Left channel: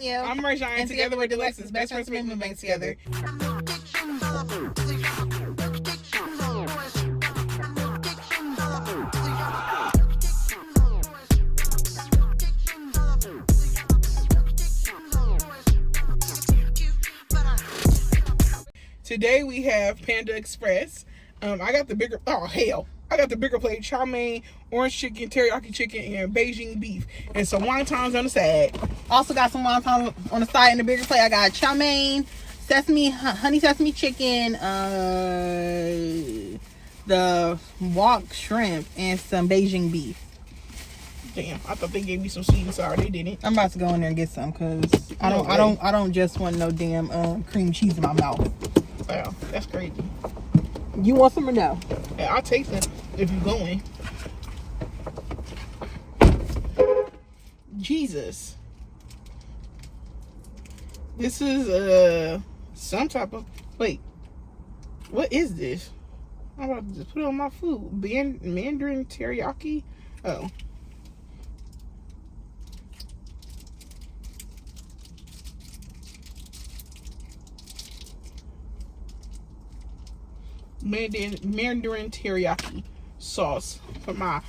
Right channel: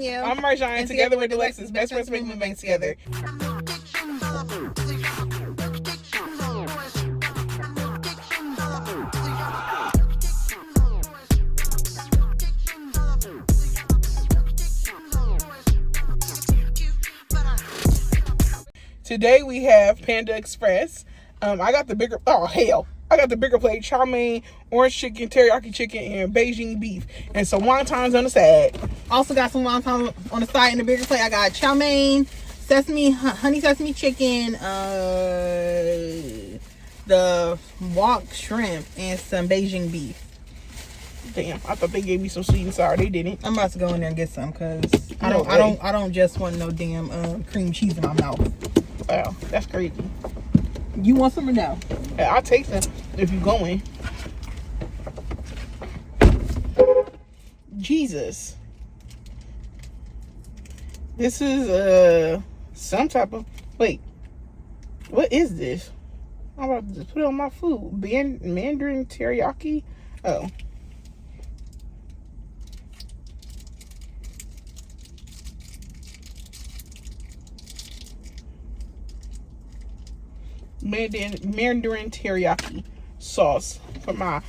Danielle. I'm Marjan, and together we're DeLexis, best friends make Mukbang together. Today we have Panda Express. I got the bigger, I got the bigger plate: chow mein, orange chicken, teriyaki chicken, and Beijing beef, and some wontons on the side. Also got some wontons on the side in the bigger plate. I got chow mein, honey sesame chicken, the wok shrimp, and some Beijing beef. Damn, I thought they gave me some sweet and sour. They didn't. I'm about to go in there and get some because I don't just want no damn cream cheese in my mouth. Wow, that's crazy. You want some or no? Yeah, I'll take them if you going. Jesus. This is some type of, wait, what is this? I'm about to just put it on my food. Mandarin teriyaki? Oh. Mandarin teriyaki sauce for my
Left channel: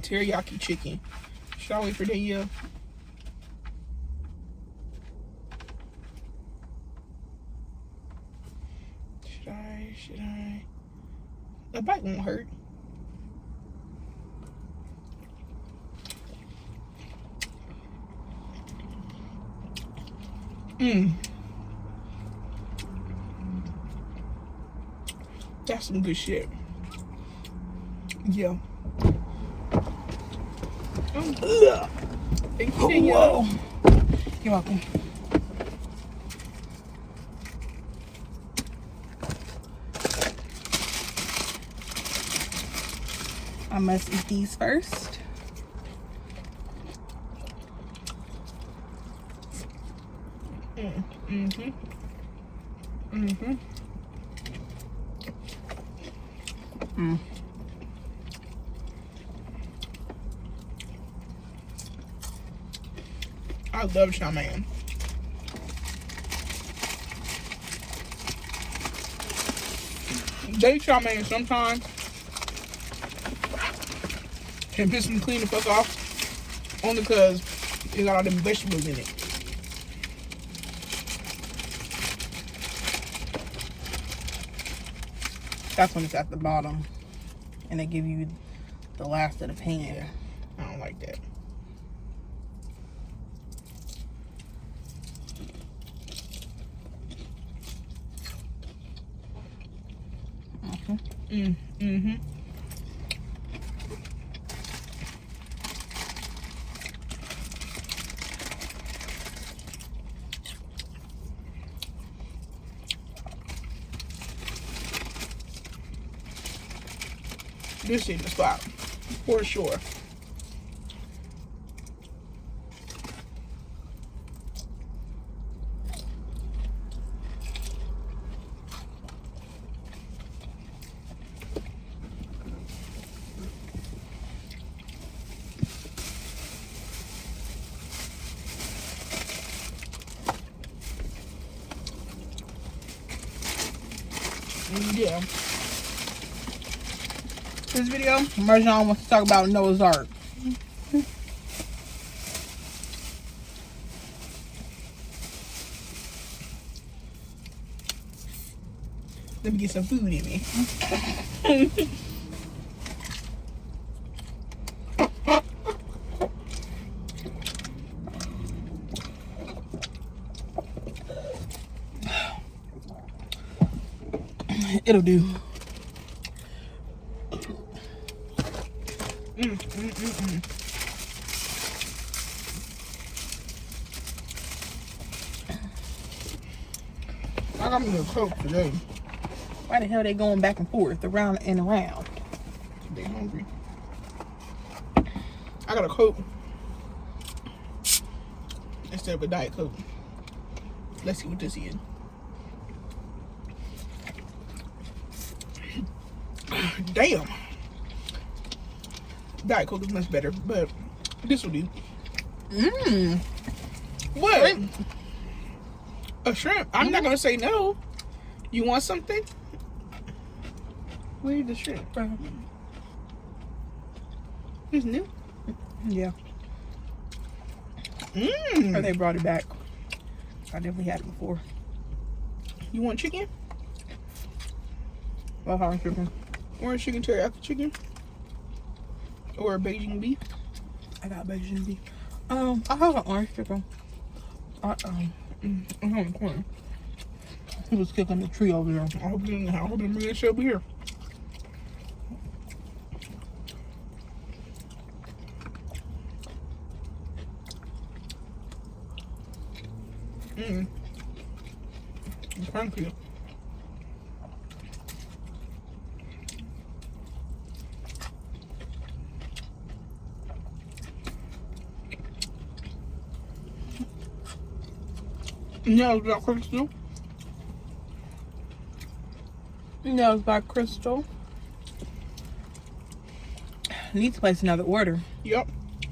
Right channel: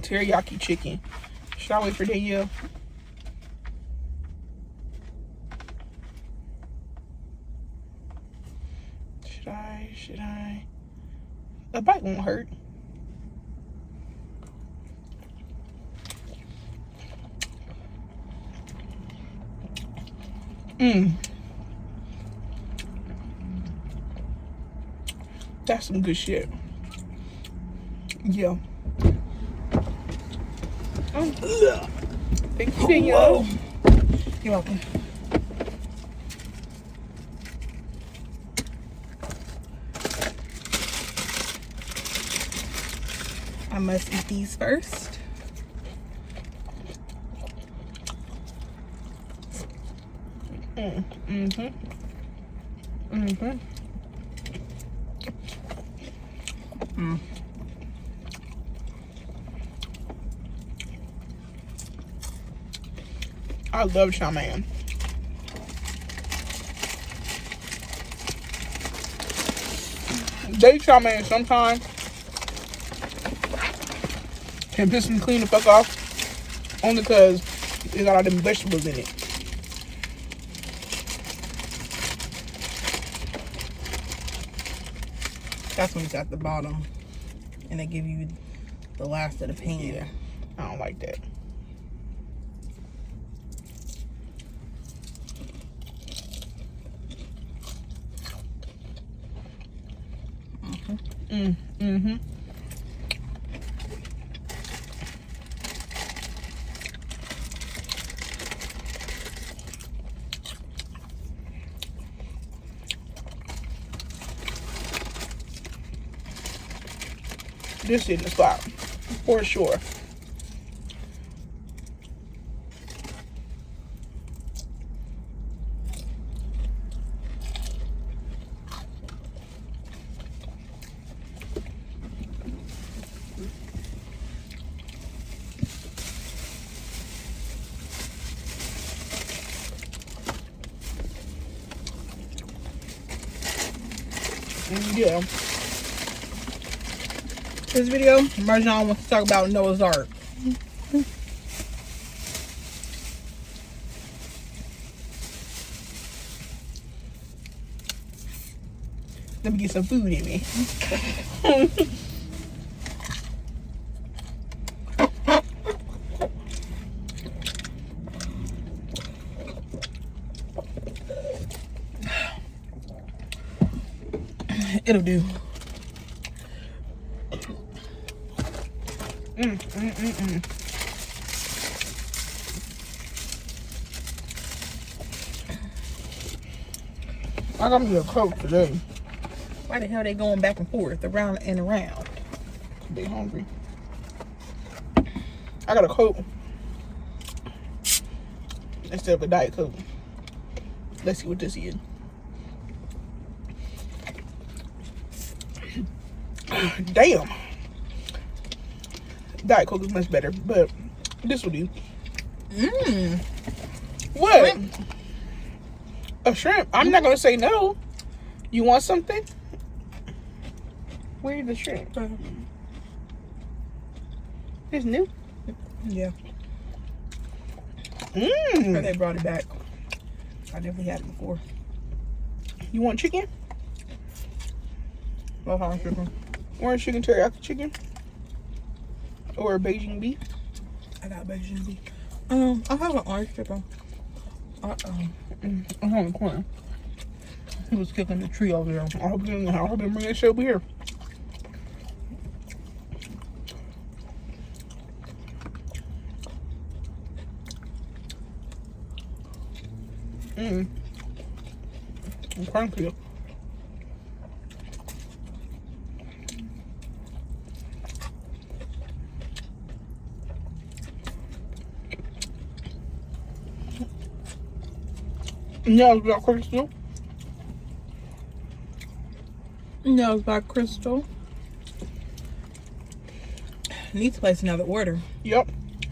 teriyaki chicken. Should I wait for Danielle? Should I? A bite won't hurt. That's some good shit. Yeah. Thank you, Danielle. You're welcome. I must eat these first. I love chow mein. They chow mein sometimes can piss me clean the fuck off, only because it got all them vegetables in it. That's when it's at the bottom and they give you the last of the pan. Yeah, I don't like that. This shit is fire, for sure. Yeah. This video, Marjan wants to talk about Noah's Ark. Let me get some food in me. It'll do. I got me a Coke today. Why the hell are they going back and forth, around and around? They hungry. I got a Coke instead of a Diet Coke. Let's see what this is. Damn. Diet Coke is much better, but this will do. What? Shrimp. A shrimp? I'm not gonna say no. You want something? Where's the shrimp? It's new. Yeah. Mmm. Or they brought it back. I definitely had it before. You want chicken? Orange chicken. Orange chicken, teriyaki chicken? Or Beijing beef? I got Beijing beef. I have an orange chicken. I'm on the corner. He was kicking the tree over there. I hope they bring that shit over here. I'm cranky. Nails by Crystal. Nails by Crystal. Need to place another order. Yep.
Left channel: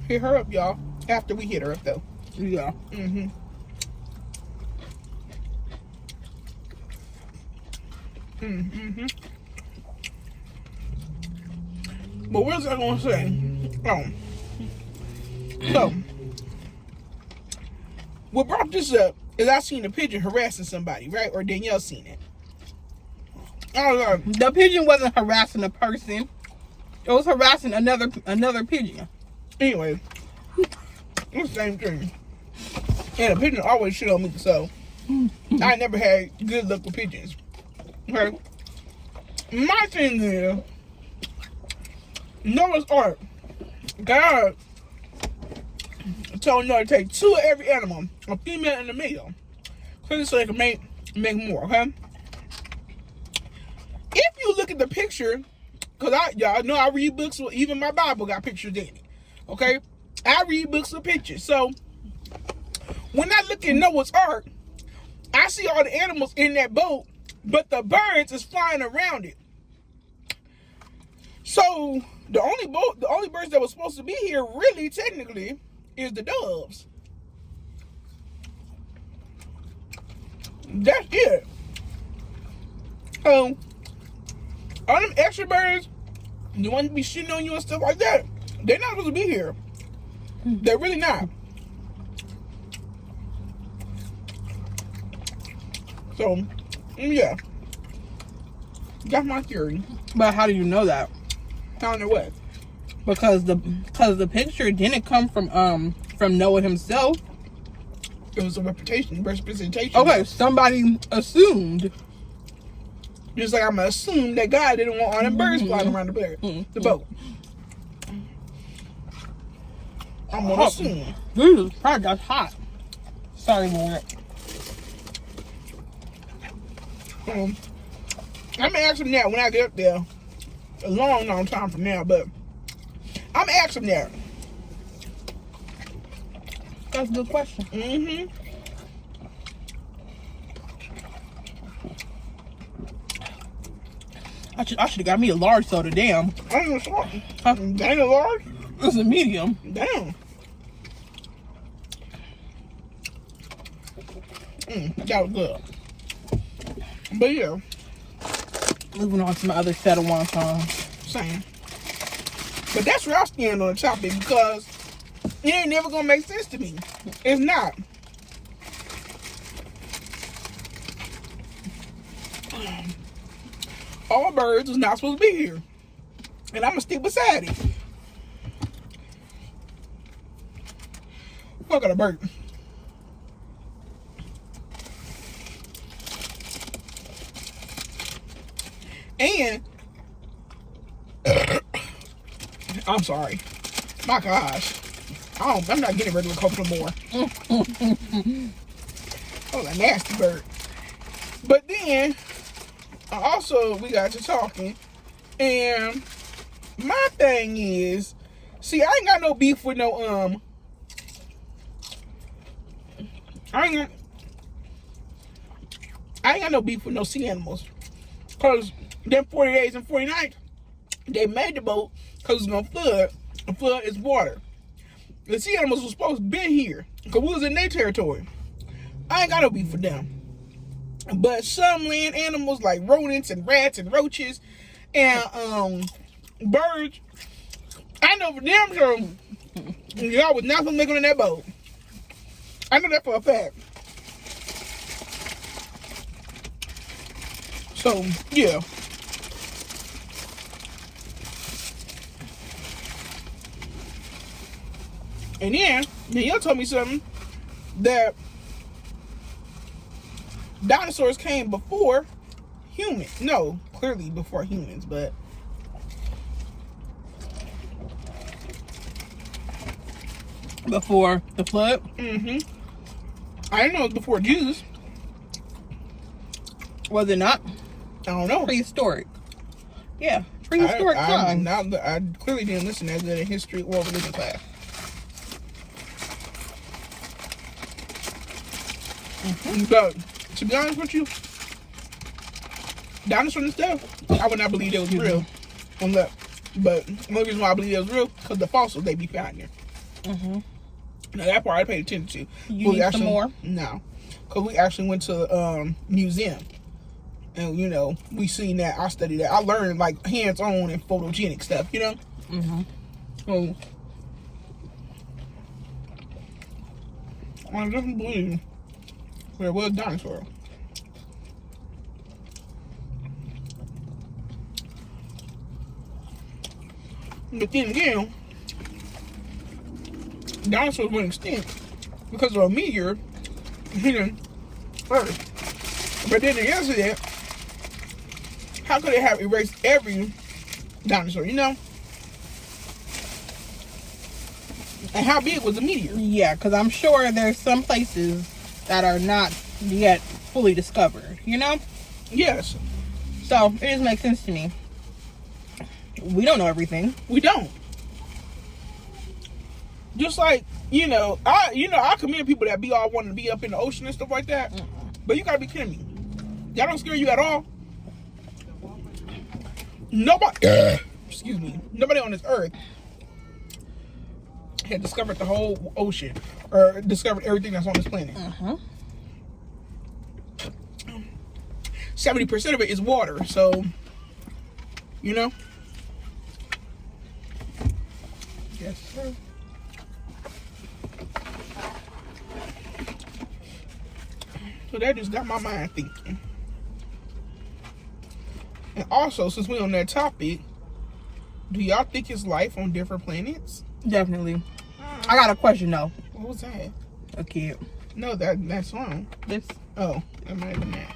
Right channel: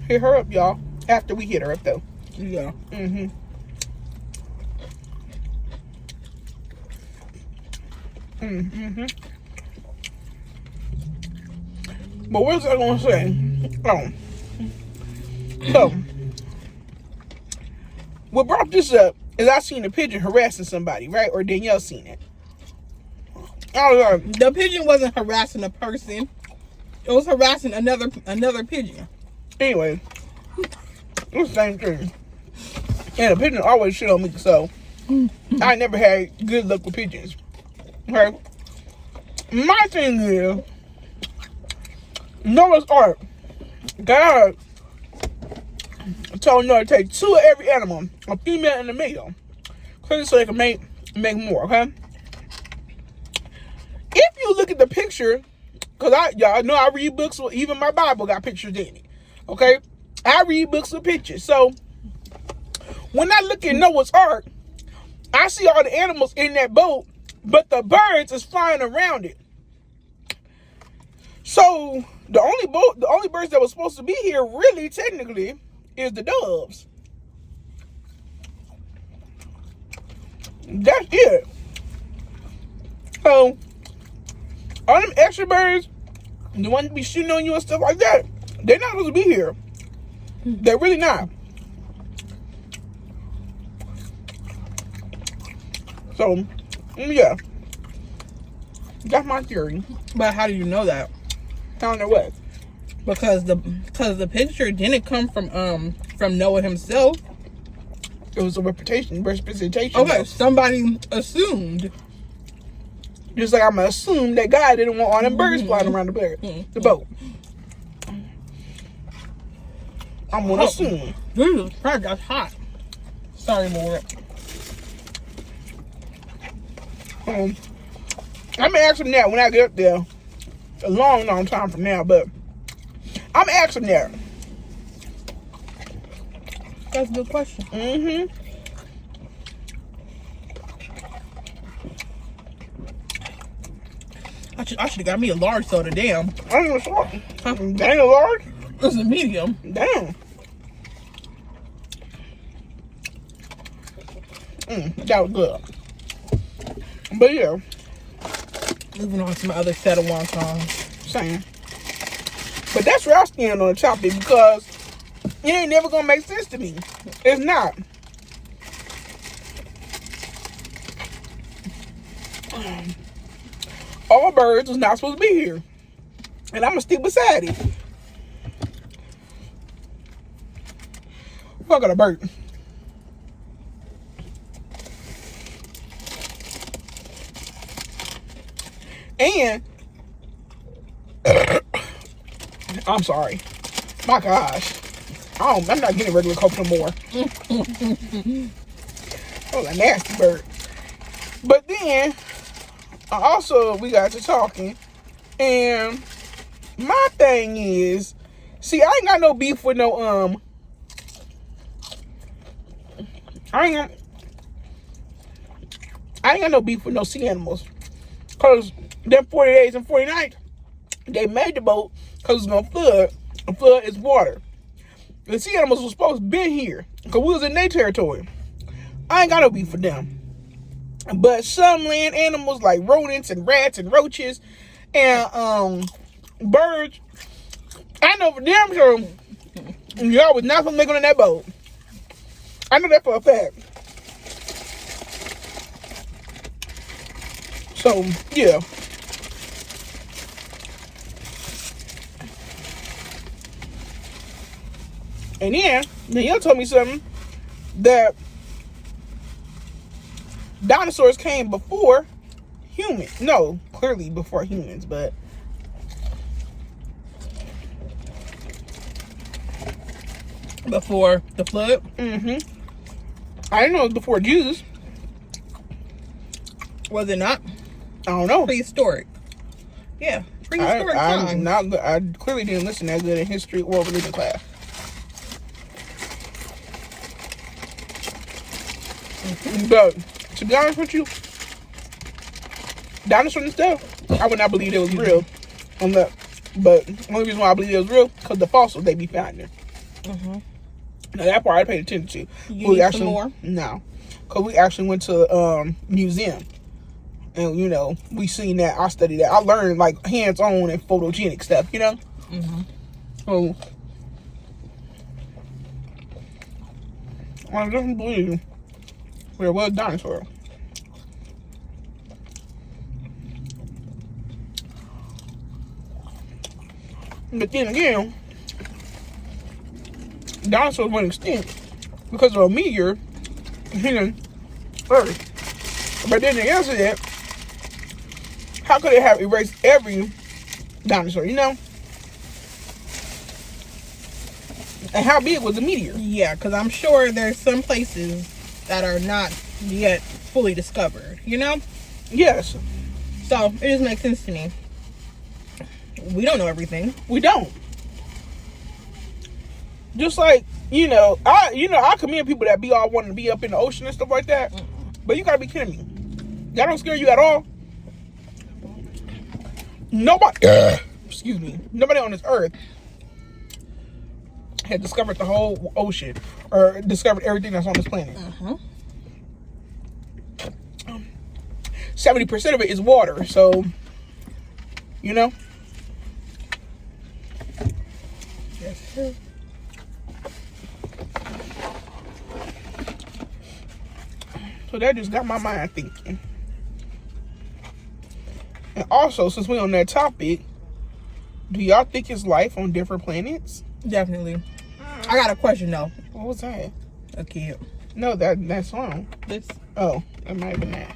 Hit her up, y'all. After we hit her up, though. Yeah. Mm-hmm. Mm-hmm. But what was I gonna say? Oh. So, what brought this up is I seen a pigeon harassing somebody, right? Or Danielle seen it. I was like, The pigeon wasn't harassing a person. It was harassing another pigeon. anyway, it's the same thing. And a pigeon always shit on me, so I never had good luck with pigeons. Okay? My thing is, Noah's Ark. God told Noah to take 2 of every animal, a female and a male, so they can make more, okay? If you look at the picture, because y'all know I read books, well, even my Bible got pictures in it, okay? I read books with pictures, so when I look at Noah's Ark, I see all the animals in that boat, but the birds is flying around it. So the only birds that were supposed to be here, really, technically, is the doves. That's it. So all them extra birds, the ones that be shitting on you and stuff like that, they're not supposed to be here. They're really not. So, yeah. That's my theory. But how do you know that? I don't know what. Because the picture didn't come from Noah himself. It was a representation. Okay, somebody assumed. Just like I'm gonna assume that guy didn't want all them birds flying around the boat. I'm gonna assume. Jesus Christ, that's hot. Sorry, Lord. I'm gonna ask him that when I get up there. A long time from now, but I'm gonna ask him that. That's a good question. Mm-hmm. I should have got me a large soda. Damn. I don't even saw it. Huh? Dang, a large? It's a medium. Damn. That was good. But yeah. Moving on to my other set of wontons. Same. But that's where I stand on the topic, because it ain't never gonna make sense to me. It's not. All birds was not supposed to be here, and I'm gonna stick beside it. I got a bird. And I'm sorry. My gosh. I'm not getting ready to cope no more. That was a nasty bird. But then we got to talking, and my thing is, see, I ain't got no beef with no I ain't got no beef with no sea animals, cause them 40 days and 40 nights, they made the boat because it's gonna flood. And flood is water. The sea animals were supposed to be here because we was in their territory. I ain't got no beef for them. But some land animals like rodents and rats and roaches and birds, I know for damn sure y'all was not gonna make it on that boat. I know that for a fact. So yeah. And then Danielle told me something that dinosaurs came before humans. No, clearly before humans, but Before the flood? I didn't know it was before Jesus. Was it not? I don't know. Prehistoric. Yeah, prehistoric times. I clearly didn't listen that good in history or religion class. But to be honest with you, dinosaurs and stuff, I would not believe it was real. But the only reason why I believe it was real because the fossils they be finding. Now that part I paid attention to. You need some more? No, because we actually went to museum, and you know we seen that. I studied that. I learned like hands-on and photogenic stuff. You know. So I definitely believe there was dinosaurs. But then again, dinosaurs went extinct because of a meteor hitting Earth. But then the answer is, how could it have erased every dinosaur, you know? And how big was the meteor? Yeah, because I'm sure there's some places that are not yet fully discovered, you know? Yes. So it just makes sense to me. We don't know everything. We don't. Just like, I commend people that be all wanting to be up in the ocean and stuff like that. But you gotta be kidding me. That don't scare you at all? Nobody, excuse me, nobody on this earth had discovered the whole ocean or discovered everything that's on this planet. 70% of it is water, so, you know? Yes, sir. So that just got my mind thinking. And also, since we're on that topic, do y'all think it's life on different planets? Definitely. I got a question though. What was that? A kid. No, that song. This. Oh, that might have been that.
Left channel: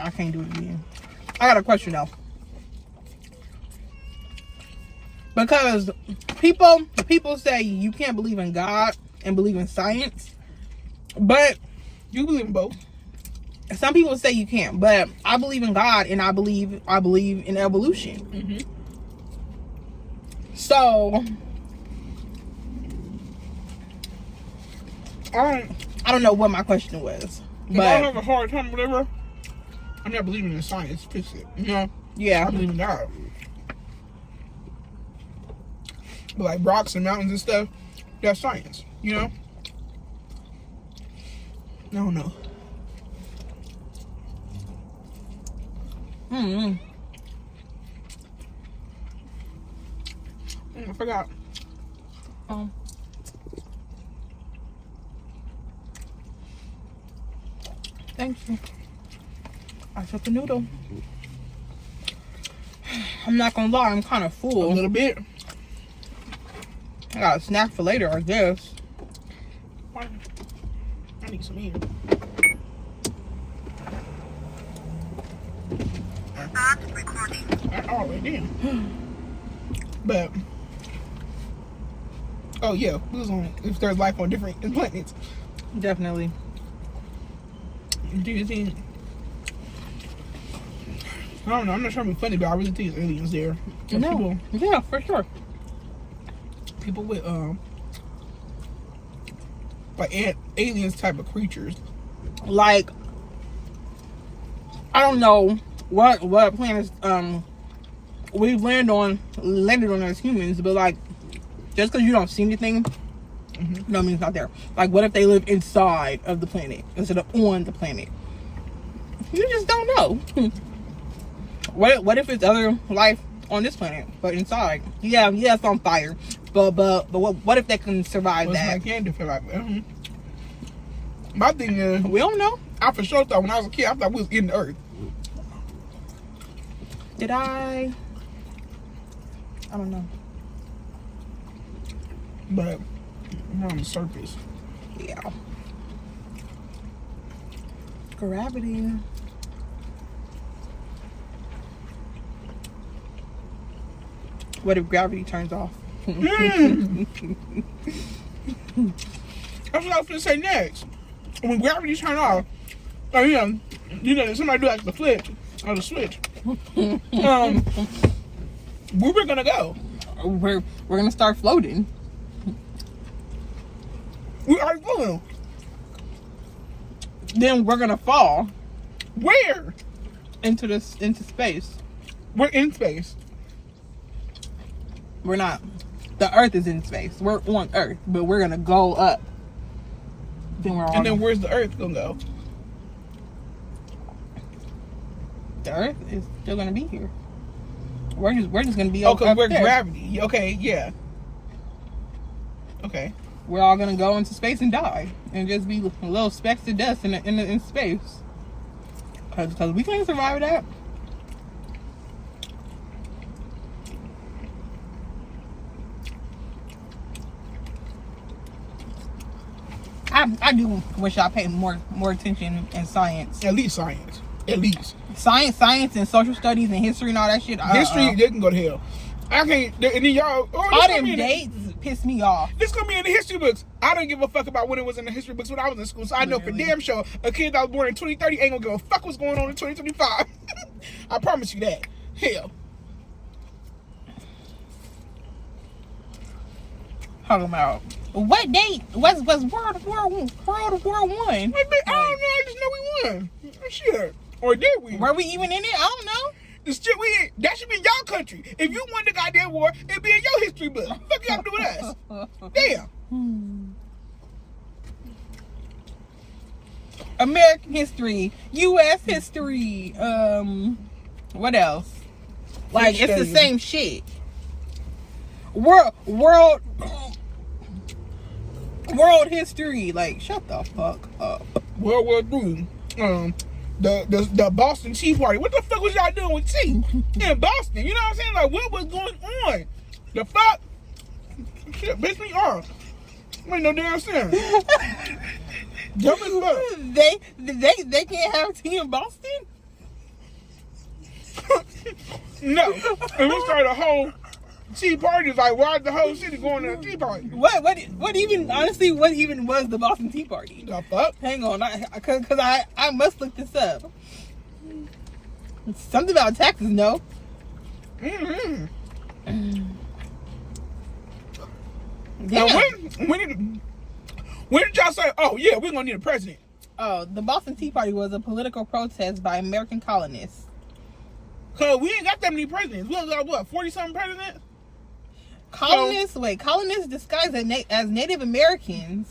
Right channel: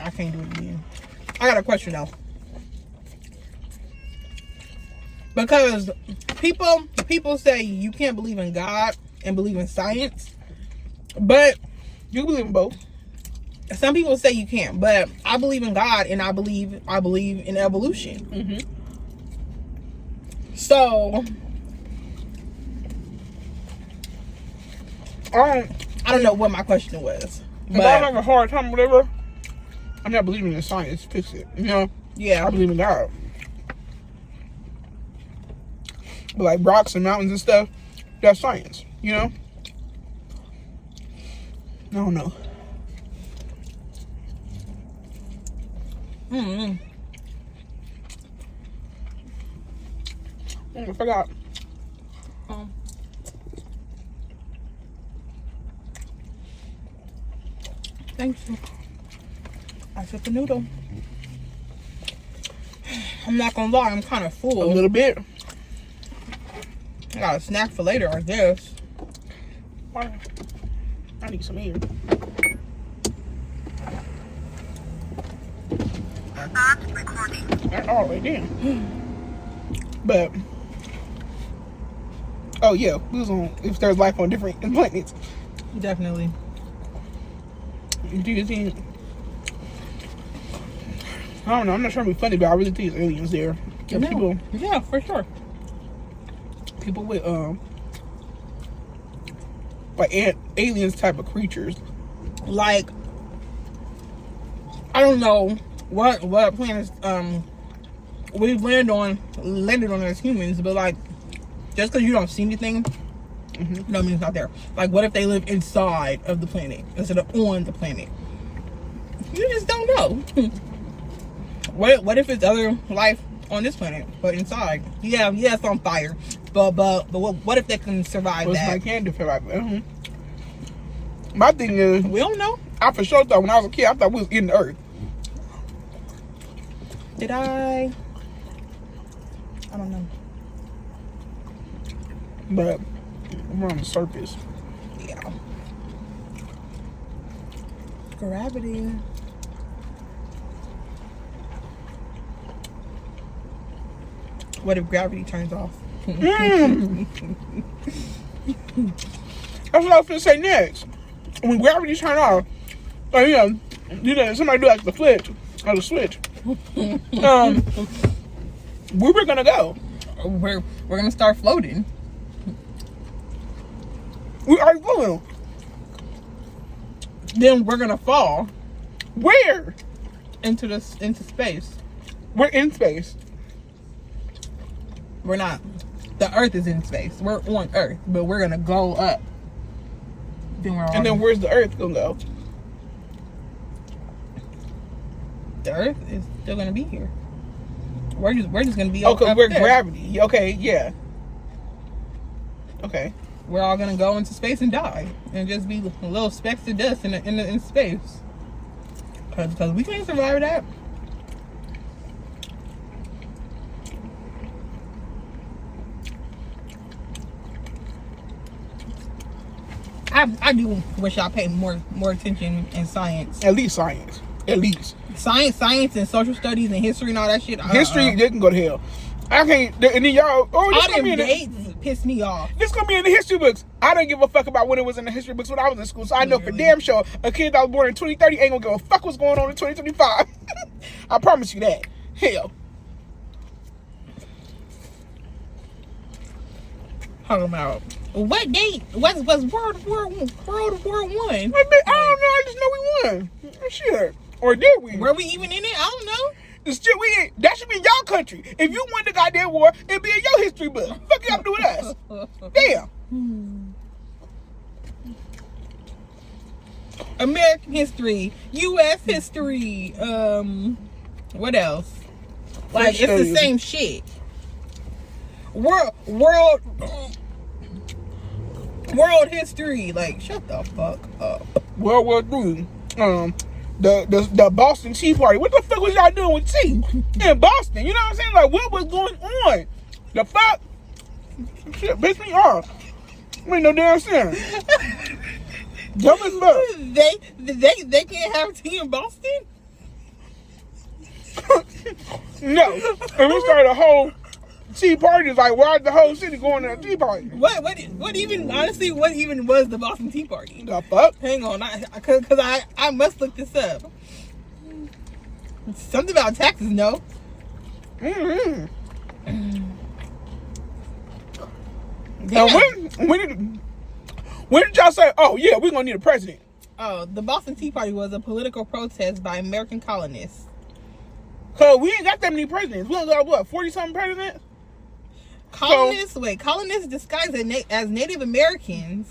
I can't do it again. I got a question though. Because people say you can't believe in God and believe in science, but you believe in both. Some people say you can't, but I believe in God and I believe in evolution. So I don't know what my question was. But I have a hard time, whatever. I'm not believing in science. Fix it. You know? Yeah. I believe in God. But like rocks and mountains and stuff, that's science. You know? I don't know. I forgot. Thank you. I took a noodle. I'm not gonna lie, I'm kind of full. A little bit. I got a snack for later, I guess. I need some air. All right, then. But oh yeah, we was on if there's life on different planets. Definitely. Do you think? I don't know. I'm not trying to be funny, but I really think it's aliens there. No. People, yeah, for sure. People with like aliens type of creatures. Like, I don't know what planets we've landed on as humans, but like, just because you don't see anything No, I mean it's not there. Like, what if they live inside of the planet instead of on the planet? You just don't know. What if it's other life on this planet, but inside? Yeah, it's on fire. But what if they can survive that? I can do survive. My thing is, we don't know. I for sure thought when I was a kid, I thought we was in the earth. Did I don't know. But we're on the surface. Yeah. Gravity. What if gravity turns off? That's what I was gonna say next. When gravity turn off, somebody do like the flip or the switch. Where we're gonna go? We're gonna start floating. We are going. Then we're gonna fall Where? into space. We're in space. We're not. The Earth is in space. We're on Earth, but we're gonna go up. Then we're on. And then where's the Earth gonna go? The Earth is still gonna be here. We're just gonna be. Oh, because we're there. gravity. Okay, yeah. Okay. We're all gonna go into space and die, and just be little specks of dust in space. Because we can't survive that. I do wish I paid more attention in science. At least science. At least. Science and social studies and history and all that shit. History, they can go to hell. I can't. And then y'all. Oh, all them dates piss me off. This gonna be in the history books. I don't give a fuck about when it was in the history books when I was in school. So I know for damn sure a kid that was born in 2030 ain't gonna give a fuck what's going on in 2025. I promise you that. Hell. Talking about what date was World War One? I don't know. I just know we won. Shit. Or did we? Were we even in it? I don't know. The shit we in, that should be in y'all country. If you won the goddamn war, it'd be in your history book. Fuck y'all do with us. Damn. American history, U.S. history. What else? Like it's the same shit. World history. Like shut the fuck up. World War III. The Boston Tea Party. What the fuck was y'all doing with tea in Boston? You know what I'm saying? Like, what was going on? The fuck? Shit, pissed me off. Made no damn sense. Dumb as fuck. They can't have tea in Boston? No. And we started a whole tea party. It's like, why is the whole city going to a tea party? What even was the Boston Tea Party? The fuck? Hang on, because I must look this up. Something about taxes, no? Mm-hmm. Now, when did y'all say, oh yeah, we're gonna need a president? Oh, the Boston Tea Party was a political protest by American colonists. Cause we ain't got that many presidents. We got what, 40-something presidents? Colonists disguised as Native Americans.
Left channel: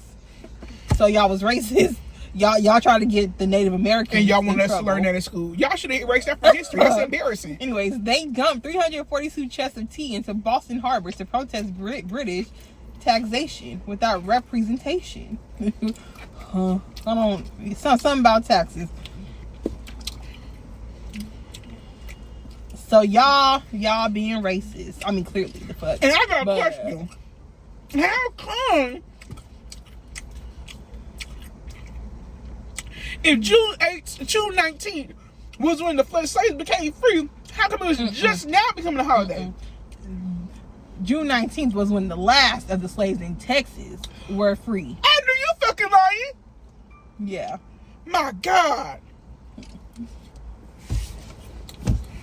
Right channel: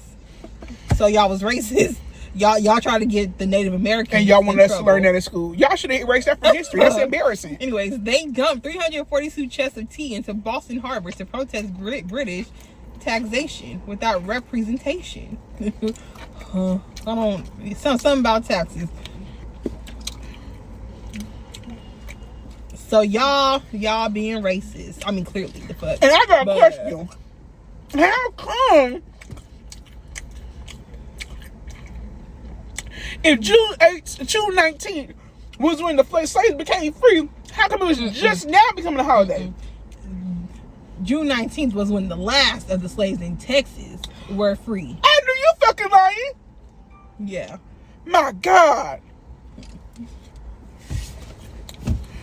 So y'all was racist. Y'all try to get the Native Americans. And y'all want us to learn that in school. Y'all should have erased that from history. That's embarrassing. Anyways, they dumped 342 chests of tea into Boston Harbor to protest British taxation without representation. Something about taxes. So y'all being racist. I mean, clearly the fuck. And I got a question. How come if June 19th was when the slaves became free, how come it was just now becoming a holiday? June 19th was when the last of the slaves in Texas were free. Andrew, you fucking lying? Yeah. My God.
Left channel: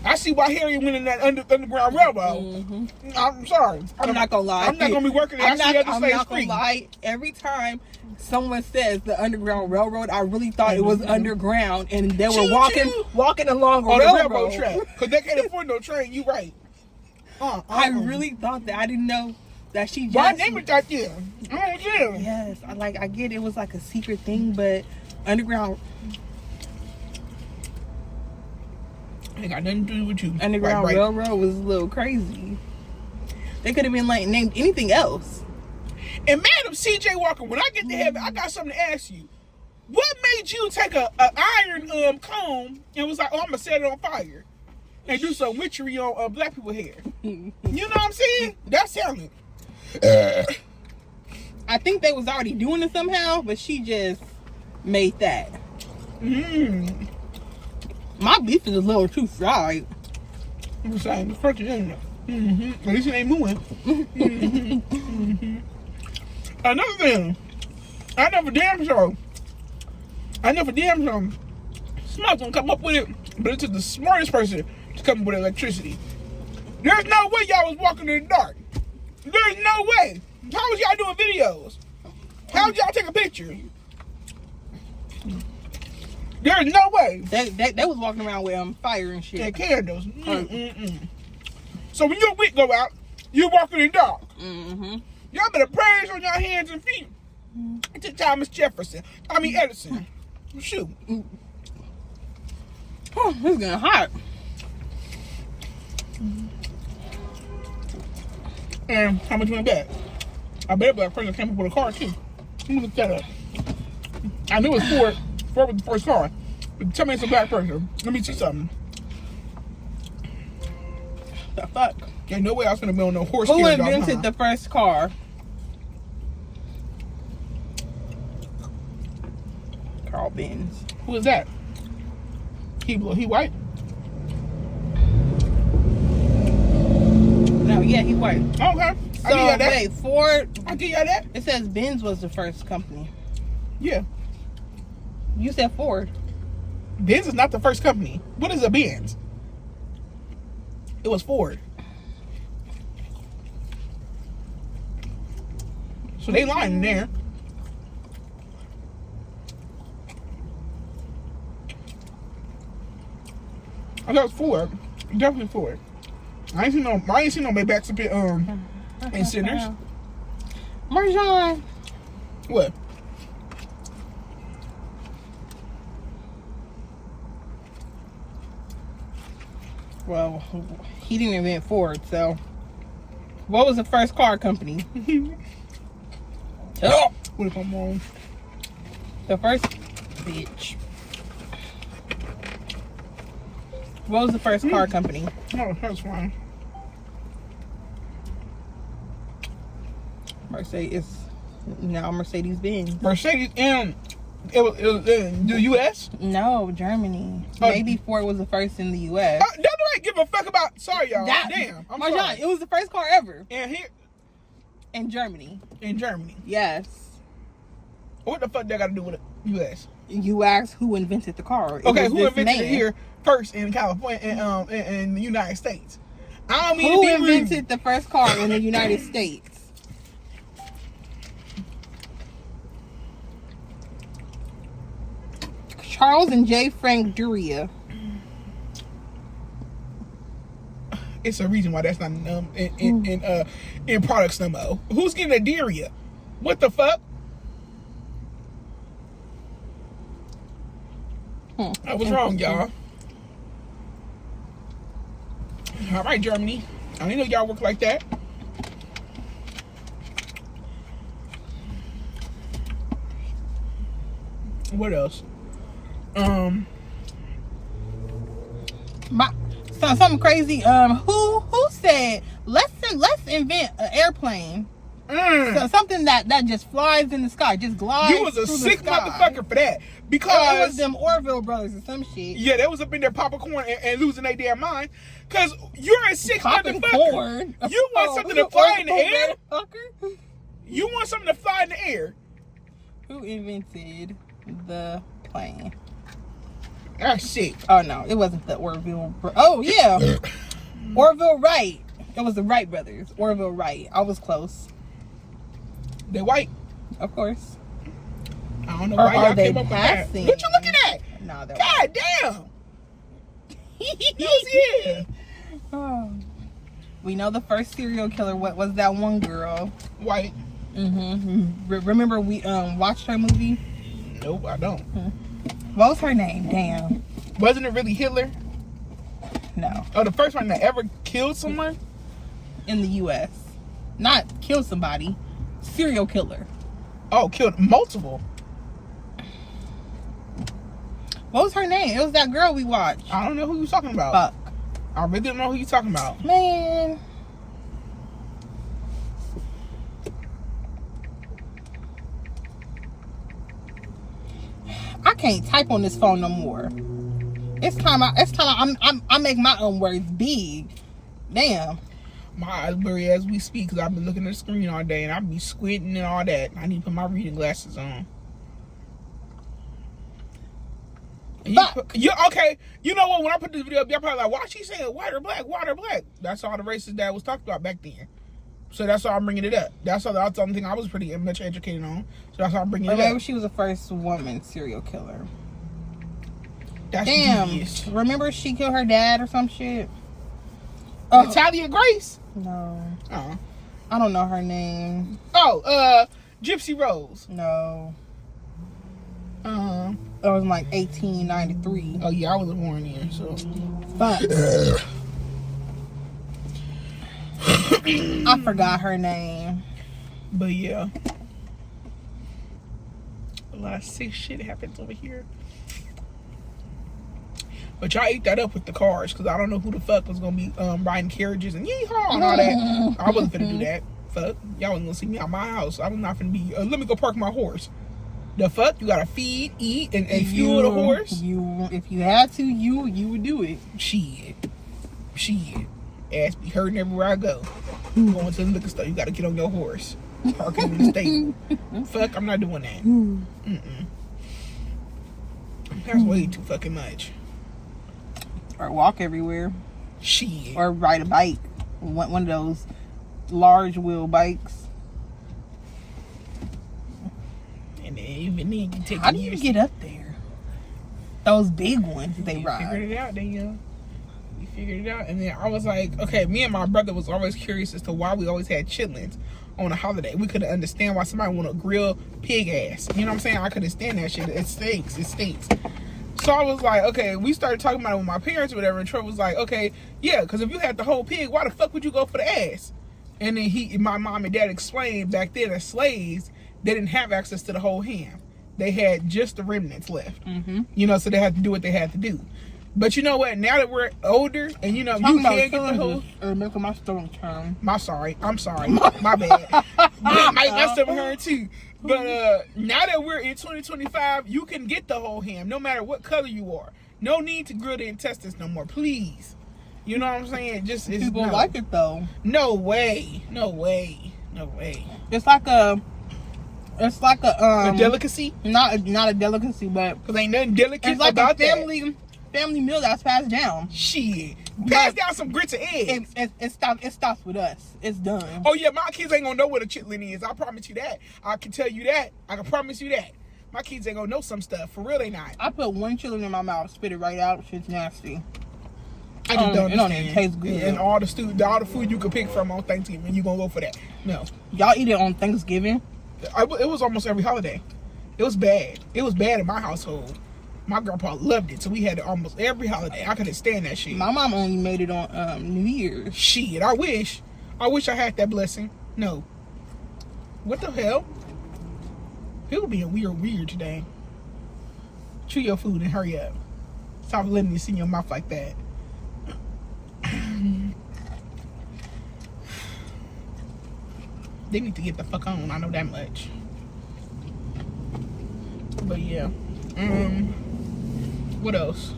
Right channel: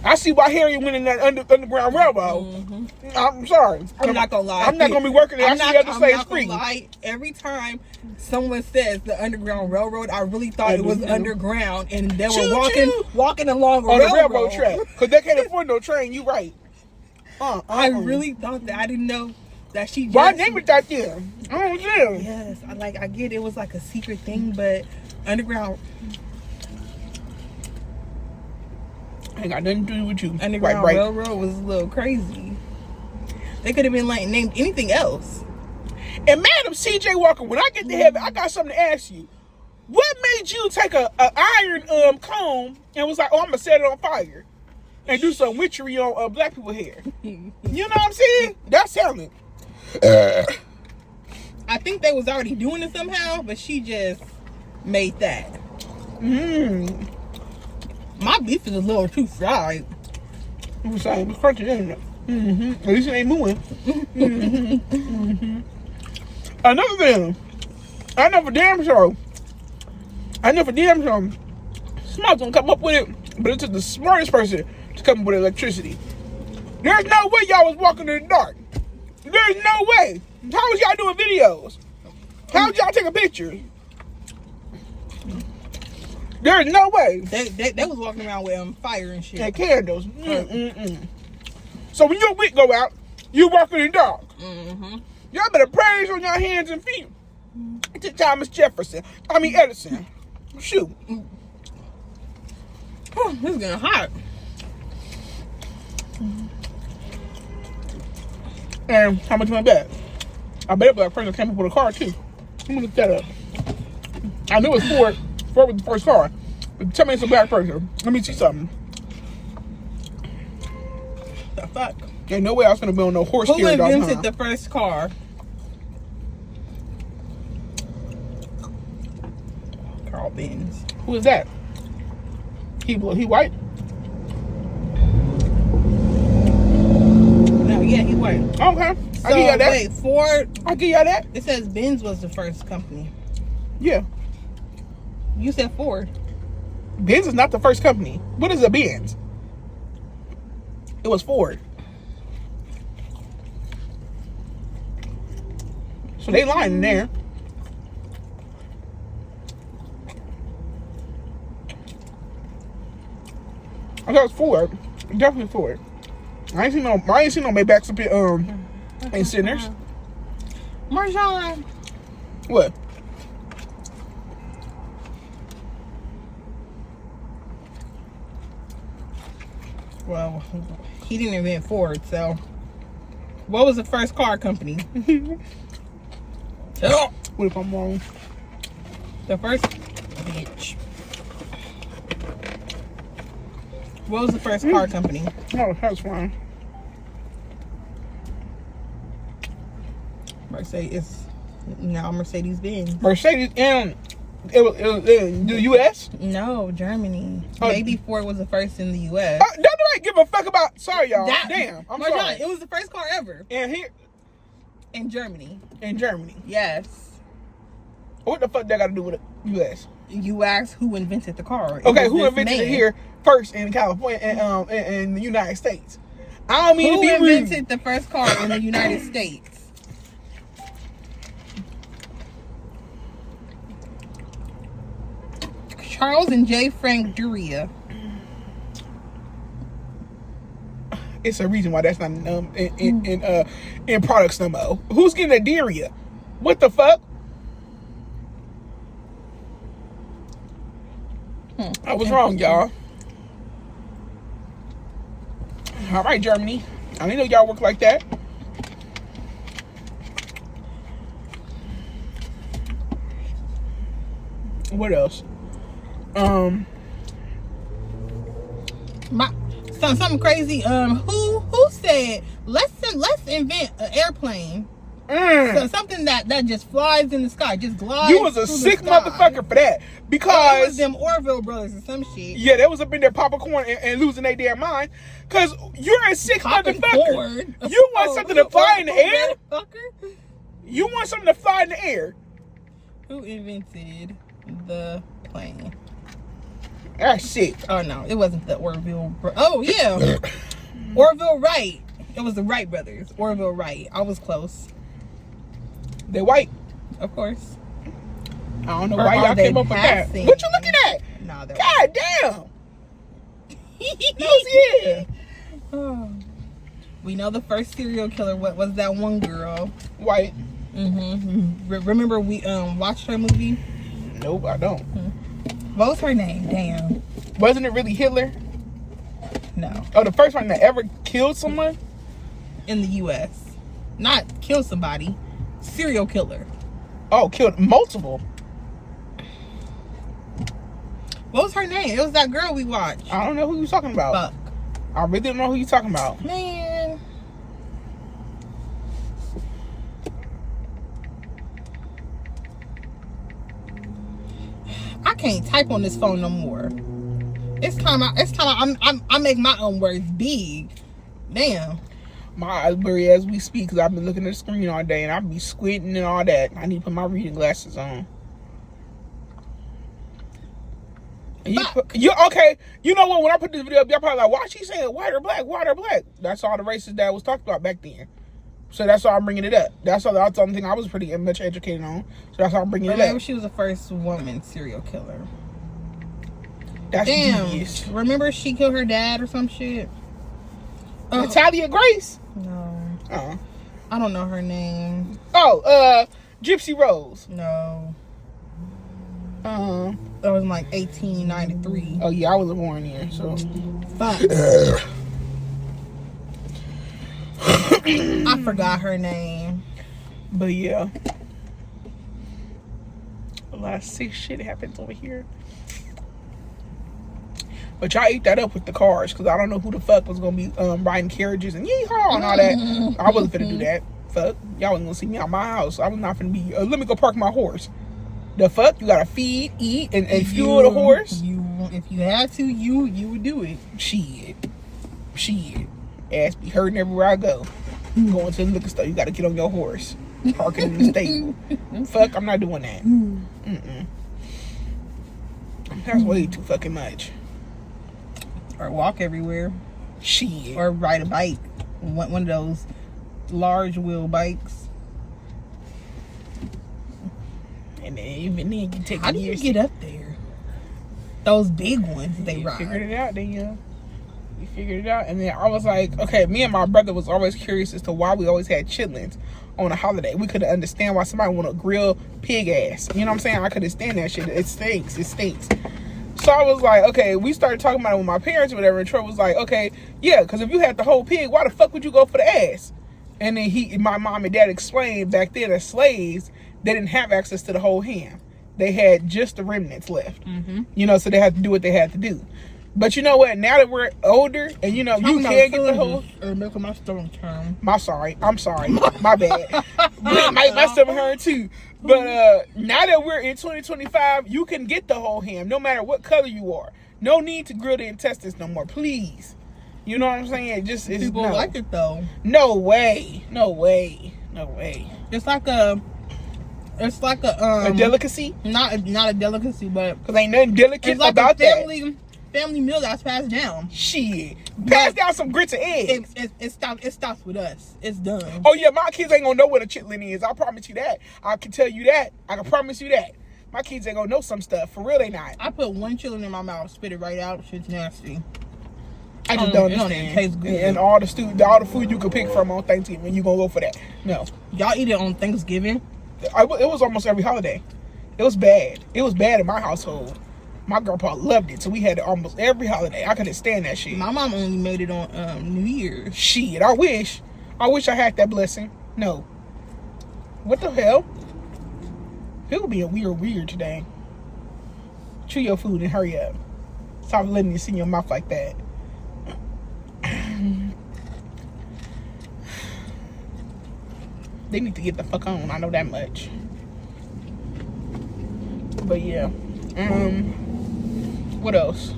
I see why Harry went in that Underground Railroad. Mm-hmm. I'm sorry. I'm not gonna lie. I'm not gonna be working there. I'm not gonna lie. Every time someone says the Underground Railroad, I really thought it was underground, and they were walking along a railroad track because they can't afford no train. You right. I really thought that. I didn't know that she just. Why name it right there? I don't know. Yes, I get it was like a secret thing, but underground Ain't got nothing to do with you. Underground Right. Railroad was a little crazy. They could have been like named anything else. And Madam C.J. Walker, when I get to heaven, I got something to ask you. What made you take a iron comb and was like, oh, I'm gonna set it on fire and do some witchery on black people hair? You know what I'm saying? That's talent. I think they was already doing it somehow, but she just made that. My beef is a little too fried. I'm sorry, I'm crunchy, isn't it? At least it ain't moving. Another thing, I know for damn sure, somebody's gonna come up with it, but it took the smartest person to come up with electricity. There's no way y'all was walking in the dark. There's no way. How was y'all doing videos? How was y'all taking pictures? There's no way. They was walking around with fire and shit. And candles. So when your wick go out, you walking in the dark. Y'all better praise on your hands and feet. To Thomas Jefferson. Edison. Shoot. Oh, it's getting hot. And how much my bet? I bet a black person came up with a car too. Let me look that up. I knew it was Ford. Ford was the first car. But tell me it's a black person. Let me see something. The fuck? Ain't no way I was gonna be on no horse. Who invented the first car? Carl Benz. Who is that? He white? No, yeah, he white. Okay. So wait, Ford. I give y'all that. It says Benz was the first company. Yeah. You said Ford. Benz is not the first company. What is a Benz? It was Ford. So they lying in there. I thought it was Ford. Definitely Ford. I ain't seen no Maybachs up in Sinners. Marjan. What? Well, he didn't invent Ford, so what was the first car company? Oh, what if I'm wrong? The first bitch. What was the first car company? No, that's fine. Mercedes. Now Mercedes-Benz. Mercedes and it was in the U.S. No, Germany. Oh. Maybe Ford was the first in the U.S. Don't nobody give a fuck about. Sorry, y'all. Damn, I'm Marjan, sorry. it was the first car ever And here in Germany. in Germany. Yes. What the fuck that got to do with the U.S.? You asked who invented the car. Okay, who invented it here first in California and in the United States? I don't mean Who to be invented rude. the first car in the United States? Charles and J. Frank Duria. It's a reason why that's not in products no more. Who's getting a Deria? What the fuck? I was wrong, y'all. All right, Germany. I didn't know y'all work like that. What else? Something crazy. Who said let's invent an airplane? So something that just flies in the sky, just glides. You was a sick motherfucker for that. Because it was them Orville brothers or some shit. Yeah, they was up in there popping corn and losing their damn mind. Cause you're a sick motherfucker. Corn. You want something to fly in the air? Motherfucker. You want something to fly in the air? Who invented the plane? That's shit. Oh no, it wasn't the Orville. Oh yeah, Orville Wright. It was the Wright brothers. Orville Wright. I was close. They white. Of course. I don't know Or why y'all are they came up with that. passing? What you looking at? No, they're God damn. Hell's yeah. Oh. We know the first serial killer. What was that one girl? White. Remember we watched her movie? Nope, I don't. What was her name? Damn. Wasn't it really Hitler? No. Oh, the first one that ever killed someone? In the U.S. Not kill somebody. Serial killer. Oh, killed multiple. What was her name? It was that girl we watched. I don't know who you're talking about. Fuck. I really don't know who you're talking about. Man. I can't type on this phone no more. It's time I make my own words big. Damn. My eyes blurry as we speak because I've been looking at the screen all day and I'll be squinting and all that. I need to put my reading glasses on. You okay? You know what? When I put this video up, y'all probably like, why she saying white or black? White or black? That's all the races that was talked about back then. So that's why I'm bringing it up. That's the only thing I was pretty much educated on. So that's why I'm bringing it up. Maybe she was the first woman serial killer. That's damn. genius. Remember she killed her dad or some shit? Natalia Grace? No. Oh. I don't know her name. Oh, Gypsy Rose. No. That was in like 1893. Oh yeah, I wasn't born here, so. Fuck. I forgot her name. But yeah. A lot of sick shit happens over here. But y'all ate that up with the cars, because I don't know who the fuck was going to be riding carriages and yeehaw and all that. I wasn't finna do that. Fuck. Y'all wasn't going to see me out my house. I was not finna be, let me go park my horse. The fuck? You got to feed, eat, and fuel the horse? If you had to, you would do it. Shit. Ass be hurting everywhere I go. Going to the liquor store, you got to get on your horse. Parking in the stable. Fuck, I'm not doing that. That's way too fucking much. Or walk everywhere. Shit. Or ride a bike. One of those large wheel bikes. And then even then you take How do you get up there? Those big ones they ride. You figured it out, Danielle. You figured it out. And then I was like, okay, me and my brother was always curious as to why we always had chitlins on a holiday. We couldn't understand why somebody want to grill pig ass. You know what I'm saying? I couldn't stand that shit. It stinks. So I was like, okay, we started talking about it with my parents or whatever, and Troy was like, okay, yeah, because if you had the whole pig, why the fuck would you go for the ass? And then my mom and dad explained back then as slaves, they didn't have access to the whole ham. They had just the remnants left. You know, so they had to do what they had to do. But you know what? Now that we're older, and you know, you can't get the whole... Or making my stomach turn. I'm sorry. My bad. My stomach hurt too. But now that we're in 2025, you can get the whole ham, no matter what color you are. No need to grill the intestines no more, please. You know what I'm saying? People like it though. No way. It's like a delicacy. Not a delicacy, but because ain't nothing delicate it's like about a family meal that's passed down. Shit. Pass down some grits and eggs. It stops with us. It's done. Oh yeah, my kids ain't gonna know what a chitlin is. I promise you that. I can tell you that. I can promise you that. My kids ain't gonna know some stuff. For real, they not. I put one chitlin in my mouth, spit it right out. Shit's nasty. I just don't understand. It don't even taste good. And all the food you can pick from on Thanksgiving, you gonna go for that? No. Y'all eat it on Thanksgiving? It was almost every holiday. It was bad. It was bad in my household. My grandpa loved it, so we had it almost every holiday. I couldn't stand that shit. My mom only made it on New Year's. Shit, I wish I had that blessing. No. What the hell? People being weird today. Chew your food and hurry up. Stop letting me see your mouth like that. They need to get the fuck on. I know that much. But yeah. What else?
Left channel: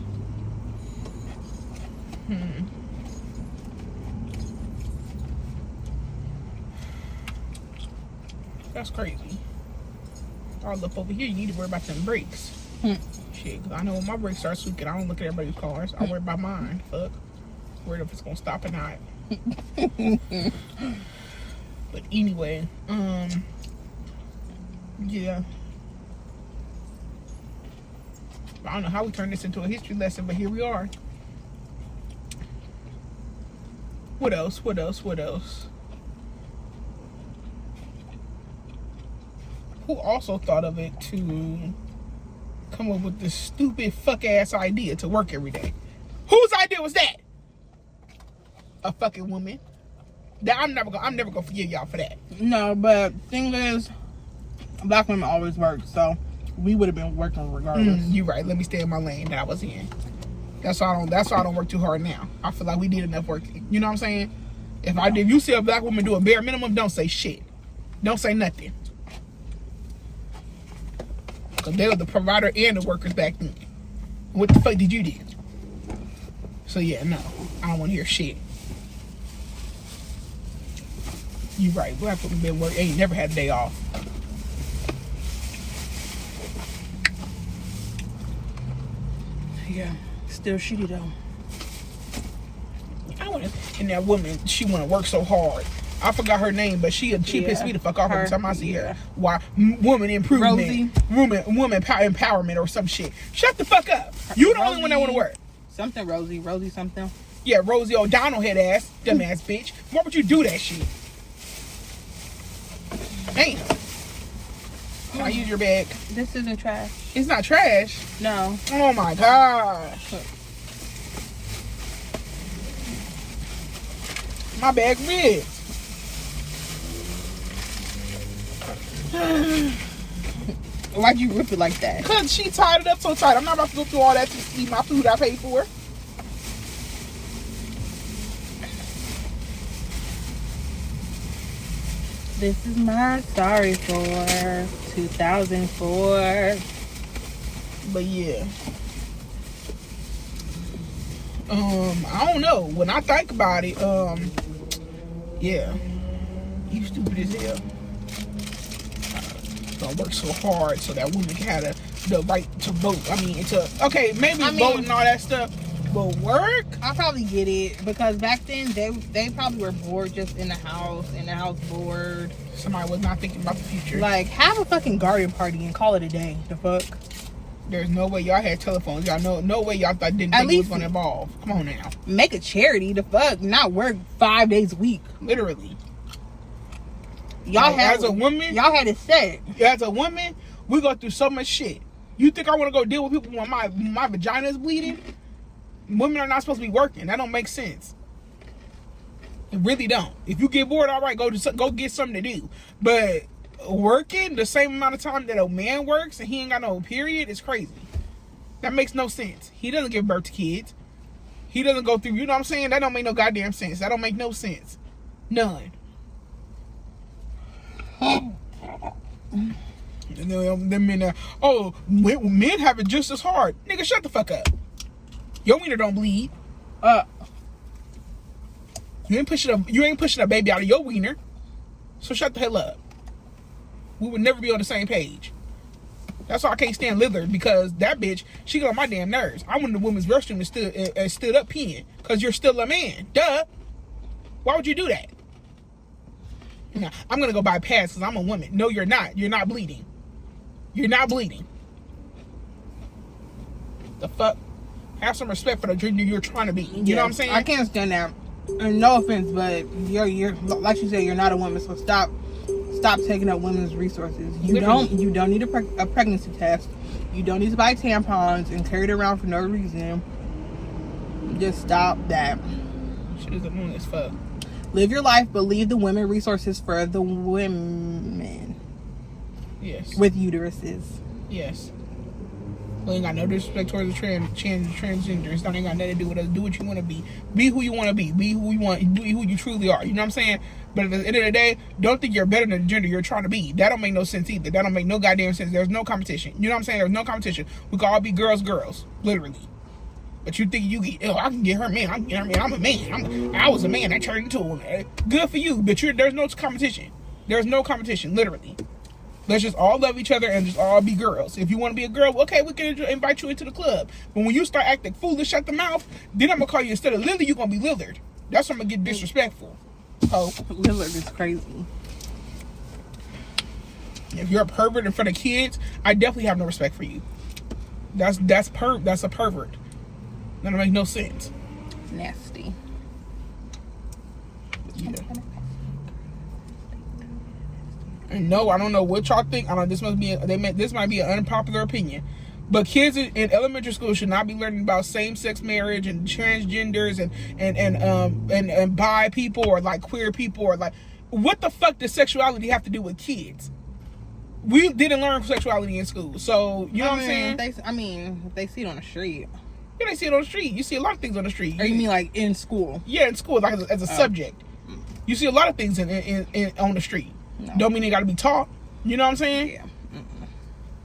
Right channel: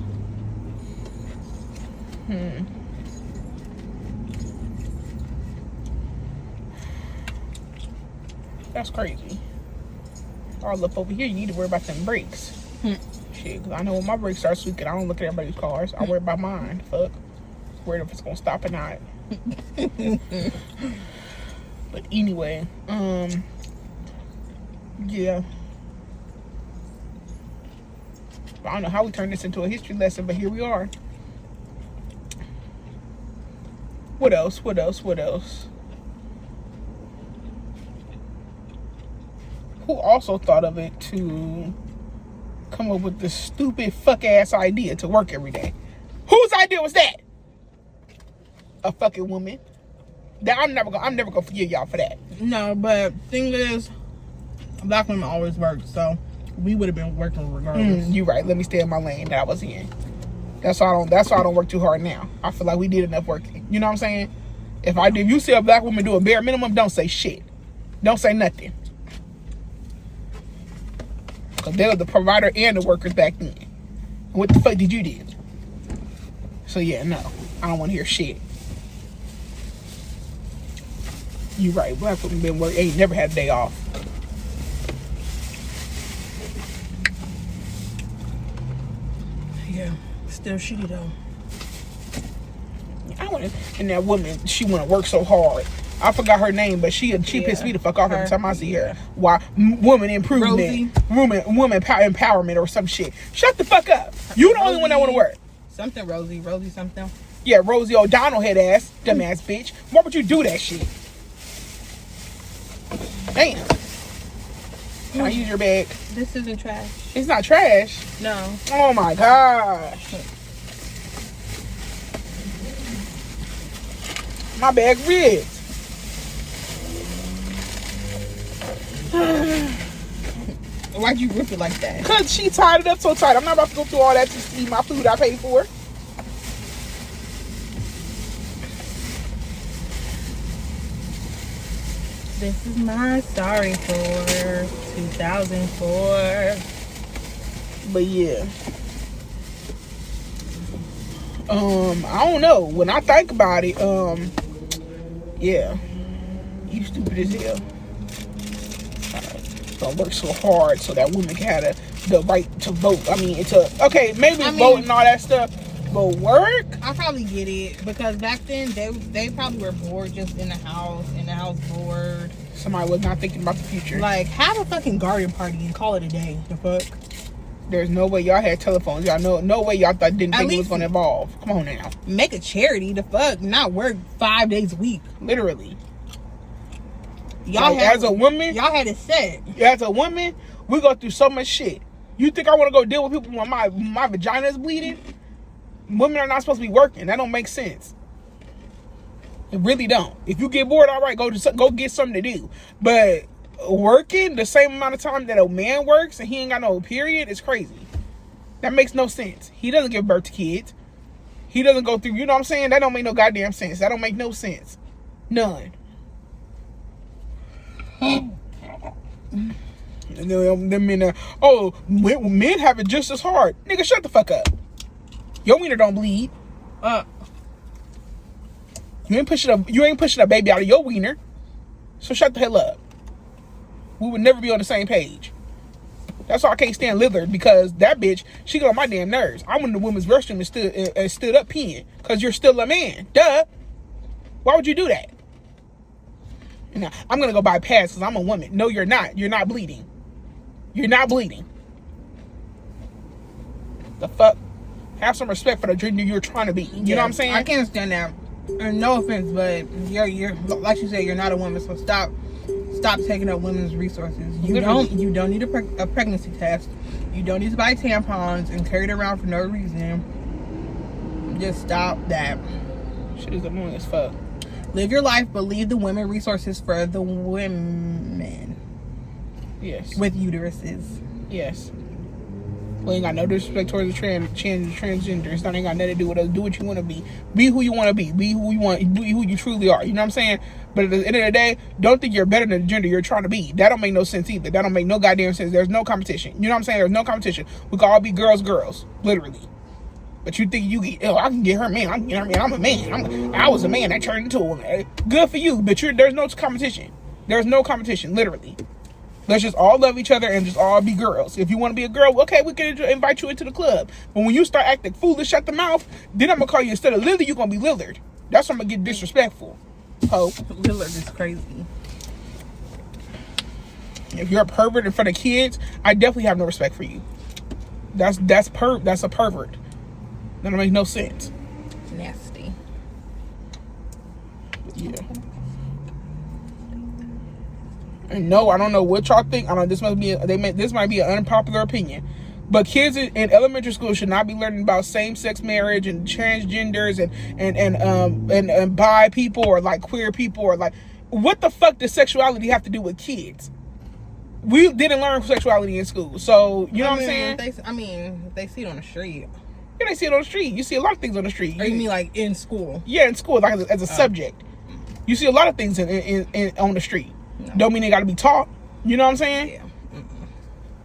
That's crazy. All up over here, you need to worry about them brakes. Shit, because I know when my brakes start squeaking, I don't look at everybody's cars. I worry about mine. Fuck. Worried if it's gonna stop or not. But anyway, yeah. I don't know how we turned this into a history lesson, but here we are. What else? What else? What else? Who also thought of it to come up with this stupid fuck ass idea to work every day? Whose idea was that? A fucking woman. That I'm never gonna forgive y'all for that. No, but thing is, black women always work, so we would have been working regardless. You're right. Let me stay in my lane that I was in. That's why I don't work too hard now. I feel like we did enough work. You know what I'm saying? If you see a black woman do a bare minimum, don't say shit. Don't say nothing. Because they were the provider and the workers back then. What the fuck did you do? So yeah, no. I don't want to hear shit. You right. Black women been working. Ain't never had a day off. Yeah. Still shitty though. And that woman, she want to work so hard. I forgot her name, but she pissed me the fuck off every time I see her. Why? Woman improvement, woman empowerment or some shit. Shut the fuck up. You the only one that want to work. Something Rosie something. Yeah, Rosie O'Donnell head ass, dumbass bitch. Why would you do that shit? Damn. Can I use your bag? This isn't trash. It's not trash. No. Oh my gosh. My bag ripped. Why'd you rip it like that? Cause she tied it up so tight. I'm not about to go through all that just to eat my food I paid for. This is my sorry for 2004. But yeah. I don't know. When I think about it, yeah. You stupid as hell. Don't work so hard so that women can have the right to vote. I mean, maybe vote and all that stuff, but work? I probably get it because back then they probably were bored just in the house bored. Somebody was not thinking about the future. Like, have a fucking garden party and call it a day. The fuck? There's no way y'all had telephones. Y'all no way y'all didn't think it was gonna evolve. Come on now. Make a charity. The fuck? Not work 5 days a week. Literally. Y'all as a woman, y'all had it set. As a woman, we go through so much shit. You think I want to go deal with people when my vagina is bleeding? Women are not supposed to be working. That don't make sense. It really don't. If you get bored, all right, go get something to do. But working the same amount of time that a man works and he ain't got no period is crazy. That makes no sense. He doesn't give birth to kids. He doesn't go through, you know what I'm saying? That don't make no goddamn sense. That don't make no sense. None. And then men men have it just as hard. Nigga, shut the fuck up. Your wiener don't bleed. You ain't pushing a baby out of your wiener. So shut the hell up. We would never be on the same page. That's why I can't stand Lillard, because that bitch, she got on my damn nerves. I went in the women's restroom and stood up peeing because you're still a man. Duh. Why would you do that? Now, I'm going to go buy pads because I'm a woman. No, you're not. You're not bleeding. You're not bleeding. The fuck? Have some respect for the gender you're trying to be. You know what I'm saying? I can't stand that. And no offense, but you're like you said, you're not a woman, so stop taking up women's resources. You don't need a pregnancy test. You don't need to buy tampons and carry it around for no reason. Just stop that. Shit is annoying as fuck. Live your life, but leave the women resources for the women. Yes. With uteruses. Yes. We ain't got no disrespect towards the transgenders. That ain't got nothing to do with us. Do what you want to be. Be who you want to be. Be who you want. Be who you truly are. You know what I'm saying? But at the end of the day, don't think you're better than the gender you're trying to be. That don't make no sense either. That don't make no goddamn sense. There's no competition. You know what I'm saying? There's no competition. We can all be girls. Literally. But you think I can get her man. I'm a man. I was a man. I turned into a woman. Good for you. But there's no competition. There's no competition. Literally. Let's just all love each other and just all be girls. If you want to be a girl, okay, we can invite you into the club. But when you start acting foolish at the mouth, then I'm going to call you, instead of Lily, you're going to be Lillard. That's when I'm going to get disrespectful. Hope. Lillard is crazy. If you're a pervert in front of kids, I definitely have no respect for you. That's a pervert. That don't make no sense. Nasty. Yeah. And no, I don't know what y'all think. I don't know, this might be an unpopular opinion. But kids in elementary school should not be learning about same-sex marriage and transgenders and bi people or like queer people or like, what the fuck does sexuality have to do with kids? We didn't learn sexuality in school, so you know what I'm saying? They see it on the street. Yeah, they see it on the street. You see a lot of things on the street. Or you mean like in school? Yeah, in school, like as a subject. You see a lot of things in on the street. No. Don't mean they got to be taught. You know what I'm saying? Yeah.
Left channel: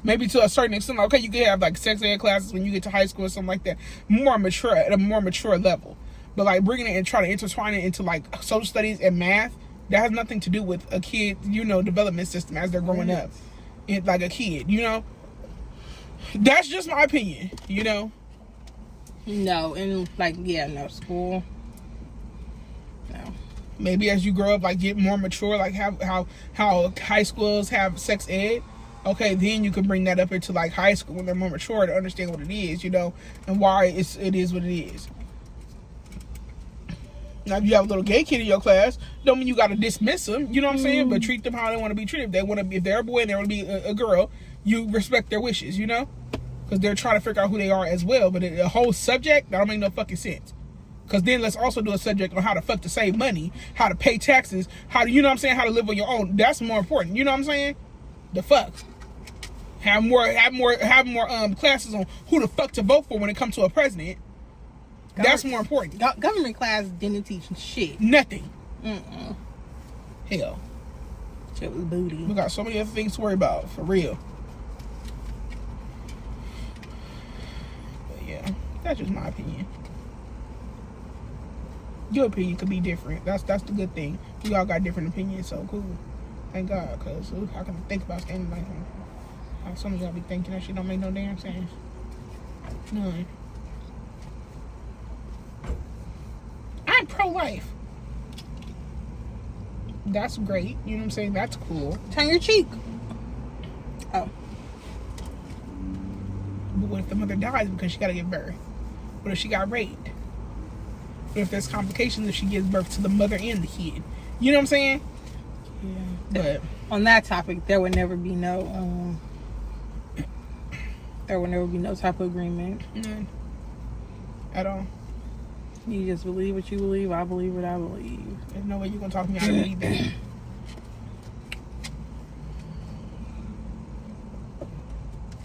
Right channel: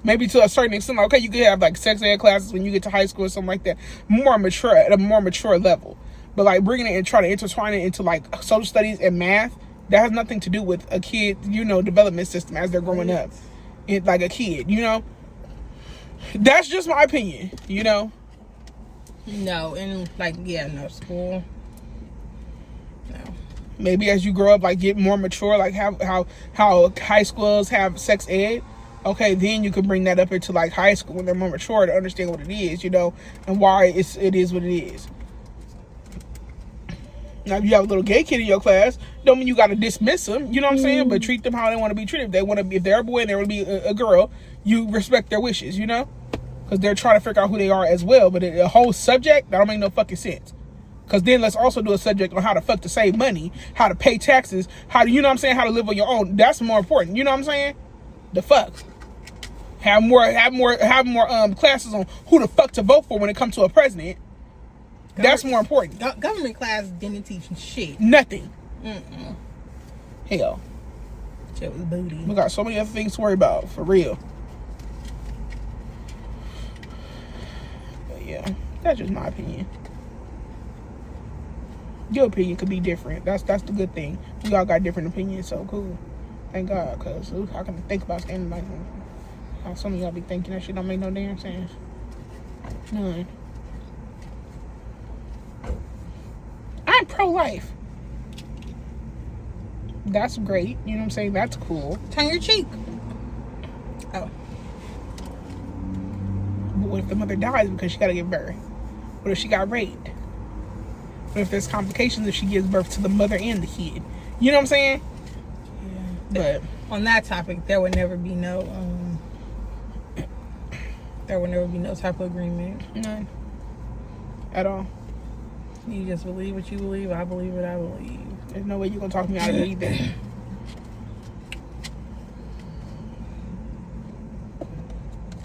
Maybe to a certain extent, like, okay, you could have like sex ed classes when you get to high school or something like that, more mature at a more mature level. But like bringing it and trying to intertwine it into like social studies and math, that has nothing to do with a kid, development system as they're growing up, like a kid. That's just my opinion. No, and like no school. No. Maybe as you grow up, like get more mature, like how high schools have sex ed. Okay, then you can bring that up into like high school when they're more mature to understand what it is, and why it is what it is. Now, if you have a little gay kid in your class, don't mean you got to dismiss them. You know what I'm saying? But treat them how they want to be treated. If they're a boy and they want to be a girl, you respect their wishes. Because they're trying to figure out who they are as well. But a whole subject, that don't make no fucking sense. Because then let's also do a subject on how the fuck to save money, how to pay taxes, how to, how to live on your own. That's more important. You know what I'm saying? The fuck. Have more classes on who the fuck to vote for when it comes to a president. That's more important. Government class didn't teach shit. Nothing. Hell. Shit was booty. We got so many other things to worry about, for real. But yeah, that's just my opinion. Your opinion could be different. That's the good thing. We all got different opinions, so cool. Thank God, because I can think about standing like how some of y'all be thinking that shit don't make no damn sense. None. I'm pro-life. That's great. You know what I'm saying? That's cool. Turn your cheek. Oh. But what if the mother dies because she got to give birth? What if she got raped? What if there's complications if she gives birth to the mother and the kid? You know what I'm saying? Yeah. But on that topic, there would never be no type of agreement. None. At all. You just believe what you believe. I believe what I believe. There's no way you're going to talk me out of it either.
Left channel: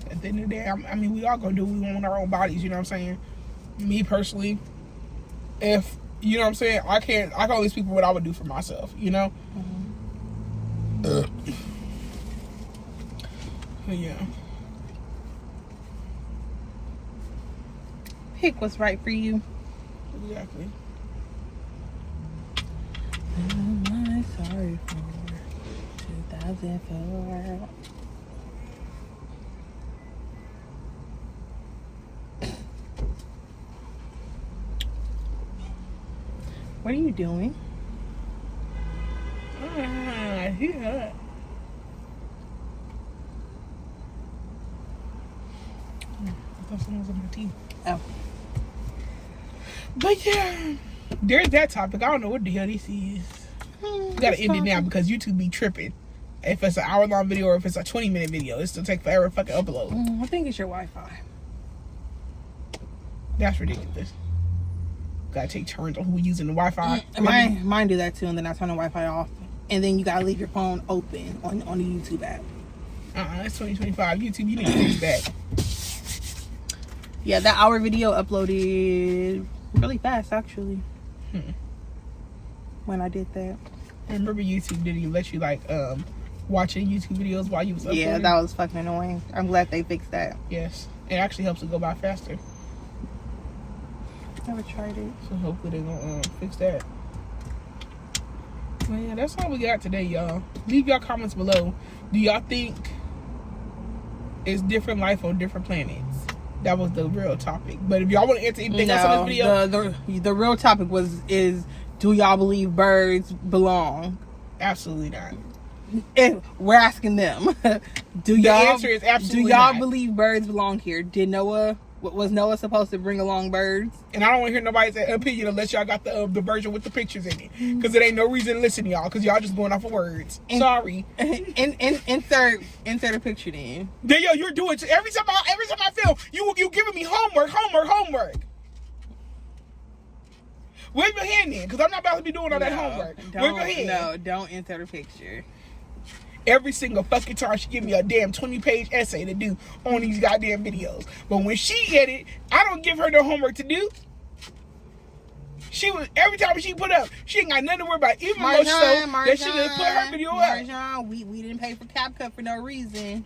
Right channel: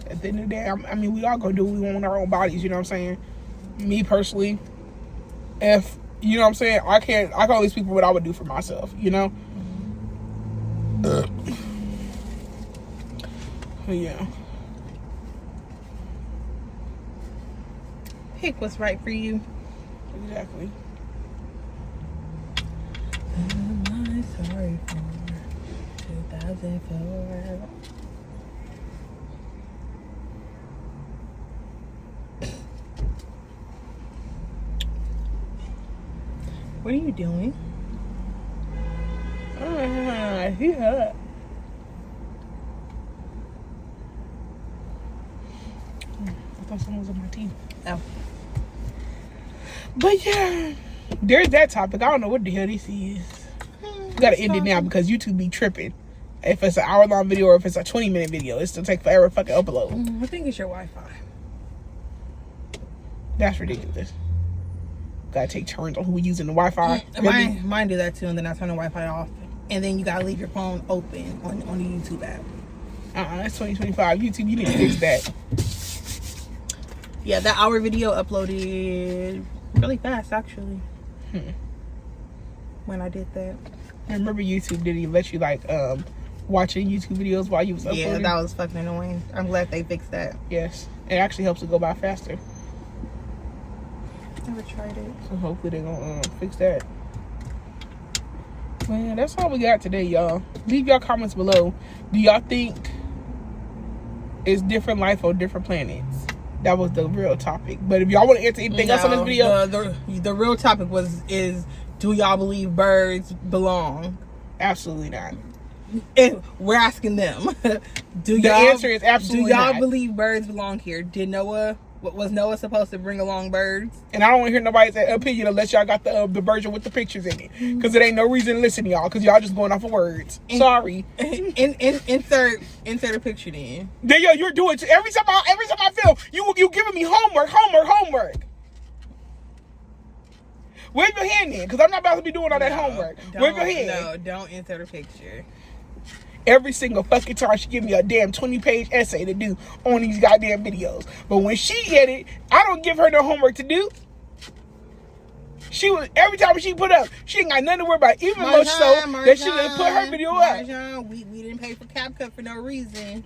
At the end of the day, we all going to do what we want with our own bodies, you know what I'm saying? Me personally, if, you know what I'm saying, I can tell these people what I would do for myself, But yeah. Pick what's right for you. Exactly. I'm sorry for 2004. What are you doing? He hurt. I thought someone was on my teeth. Oh. But yeah, there's that topic. I don't know what the hell this is. We gotta end it now because YouTube be tripping. If it's an hour-long video or if it's a 20-minute video, it's gonna take forever to fucking upload. I think it's your Wi-Fi. That's ridiculous. Gotta take turns on who we using the Wi-Fi. Mine do that too, and then I turn the Wi-Fi off, and then you gotta leave your phone open on the YouTube app. That's 2025. YouTube, you need to fix that. Yeah, that hour video uploaded really fast, actually. When I did that. I remember YouTube didn't let you watching YouTube videos while you was uploading. Yeah, that was fucking annoying. I'm glad they fixed that. Yes, it actually helps it go by faster. Never tried it. So hopefully they're gonna fix that. Man, that's all we got today, y'all. Leave y'all comments below. Do y'all think it's different life on different planets? That was the real topic. But if y'all want to answer anything else on this video, the real topic is do y'all believe birds belong? Absolutely not. And we're asking them. The answer is absolutely Do y'all not. believe birds belong here? Did Noah Was Noah supposed to bring along birds? And I don't want to hear nobody's opinion unless y'all got the version with the pictures in it. Because it ain't no reason to listen to y'all. Because y'all just going off of words. Sorry. Insert a picture then. Danielle, you're doing it. Every time I film, you giving me homework. Wave your hand in, because I'm not about to be doing all that homework. Wave your hand. No, don't insert a picture. Every single fucking time she give me a damn 20-page essay to do on these goddamn videos. But when she edit, I don't give her no homework to do. Every time she put up, she ain't got nothing to worry about. Even though that she done put her video up. Marjan, we didn't pay for CapCut for no reason.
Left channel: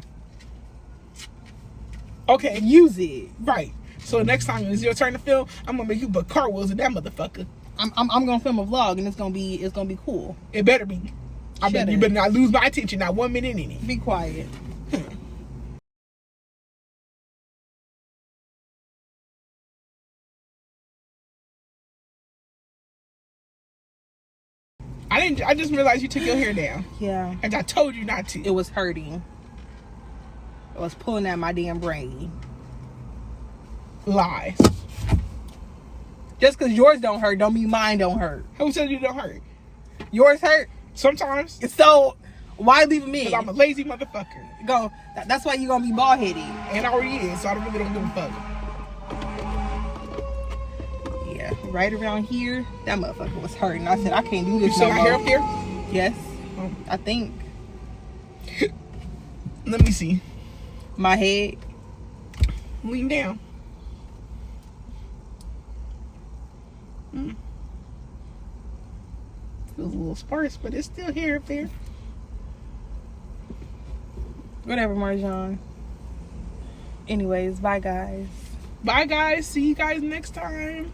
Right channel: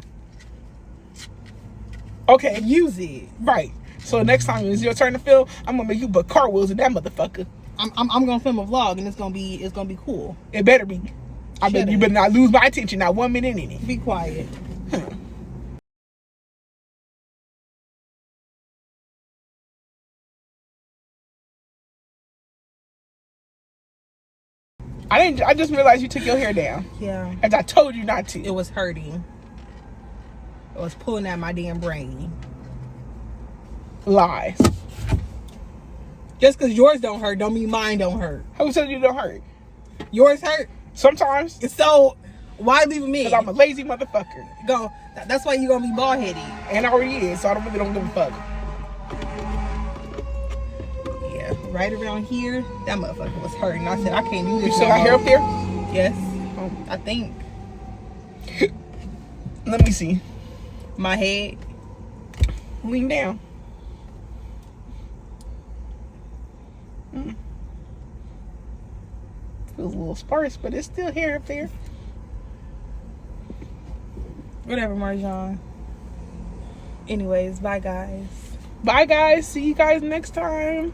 Okay. Use it. Right. So next time it's your turn to film, I'm gonna make you put cartwheels in that motherfucker. I'm gonna film a vlog and it's gonna be cool. It better be. You better not lose my attention, not 1 minute in it. Be quiet. I just realized you took your hair down. Yeah. As I told you not to. It was hurting. It was pulling at my damn brain. Lies. Just because yours don't hurt don't mean mine don't hurt. Who said you don't hurt? Yours hurt. Sometimes. So why leave me? Because I'm a lazy motherfucker. That's why you're gonna be bald headed. And I already is, so I don't give a fuck. Yeah, right around here, that motherfucker was hurting. I said I can't do this. You still got hair up there? Yes, I think. Let me see. My head. Lean down. Feels a little sparse, but it's still hair up there. Whatever, Marjan. Anyways, bye guys. Bye guys. See you guys next time.